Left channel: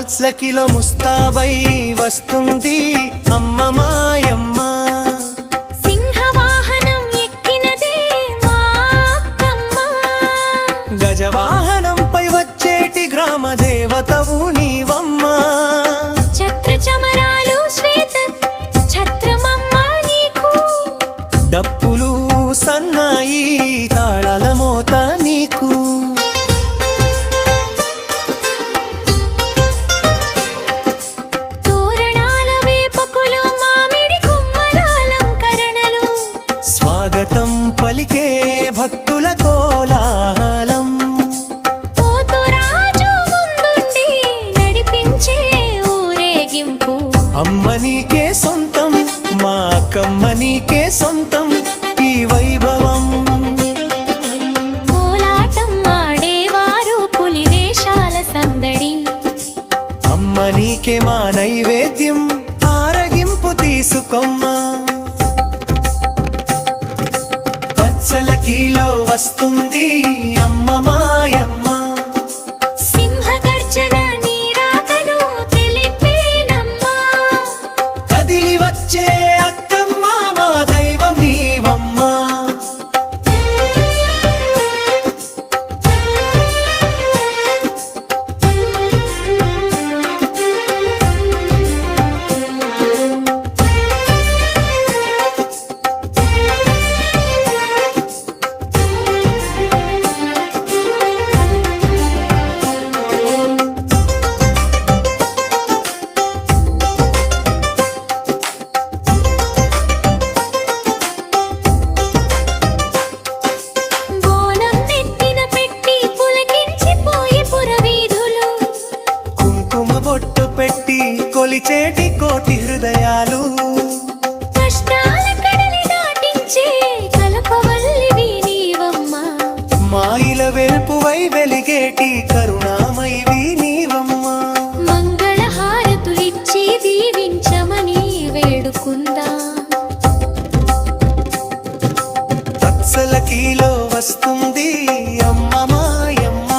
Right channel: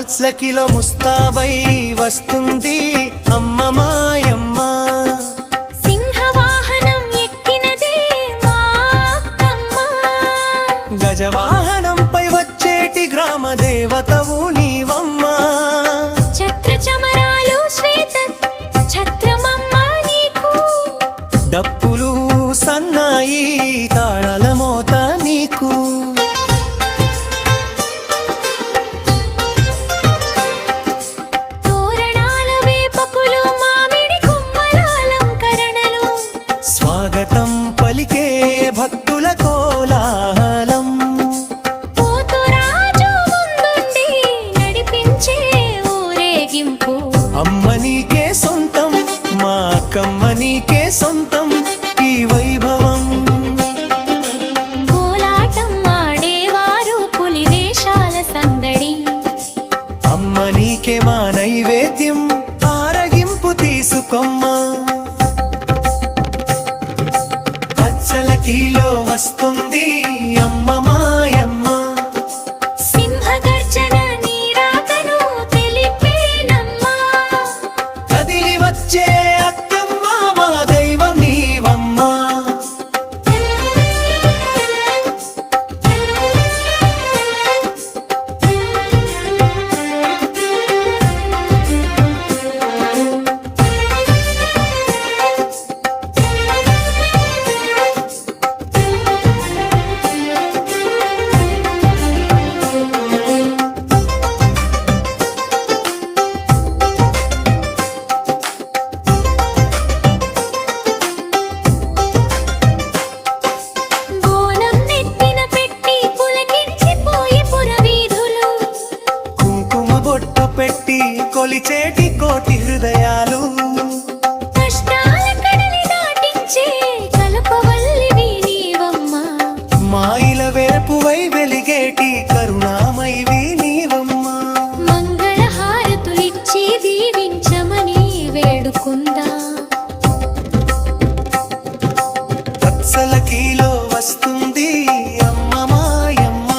మాల్స్లకిలో ముస్తాబై వస్తుంది అమ్మ మాయమ్మ. సింహవాహనం ఎక్కినదే మా అక్కమ్మ. గజవాహనంపై వచ్చేటి గ్రామ దేవతవు నీవమ్మ. ఛత్ర చమరాలు శ్వేత ఛత్రమమ్మ నీకు. డప్పులు సన్నాయి తాళాల మోత నీకు. తోరణాల వేపకులు మామిడి కొమ్మల అలంకరణలు. స్వాగతం పలికే భక్తుల కోలాహలం. పోతురాజు ముందుండి నడిపించే ఊరేగింపు. అమ్మ నీకే సొంతం మా అక్కమ్మ నీకే సొంతం ఈ వైభవం. కోలాటం ఆడేవారు పులి వేషాల సందడి. అమ్మ నీకే మా నైవేద్యం ఆరగింపు తీసుకోమ్మా. పచ్చలకిలో వస్తుంది అమ్మ మాయమ్మ. సింహ గర్జన నీరాకను తెలిపేనమ్మా. కదిలి వచ్చే అక్కమ్మ మా దైవం నీవమ్మ. బోనం నెత్తిన పెట్టి పులకించిపోయే పురవీధులు. కుంకుమ బొట్టు పెట్టి కొలిచేటి కోటి హృదయాలు. కష్టాల కడలి దాటించే కలపవల్లివి నీవమ్మా. మాయిల వెల్పువై వెలిగేటి కరుణామైవి నీవమ్మ. మంగళ హారతులిచ్చి దీవించమని వేడుకుందా. వత్సలకిలో వస్తుంది అమ్మ మాయమ్మ.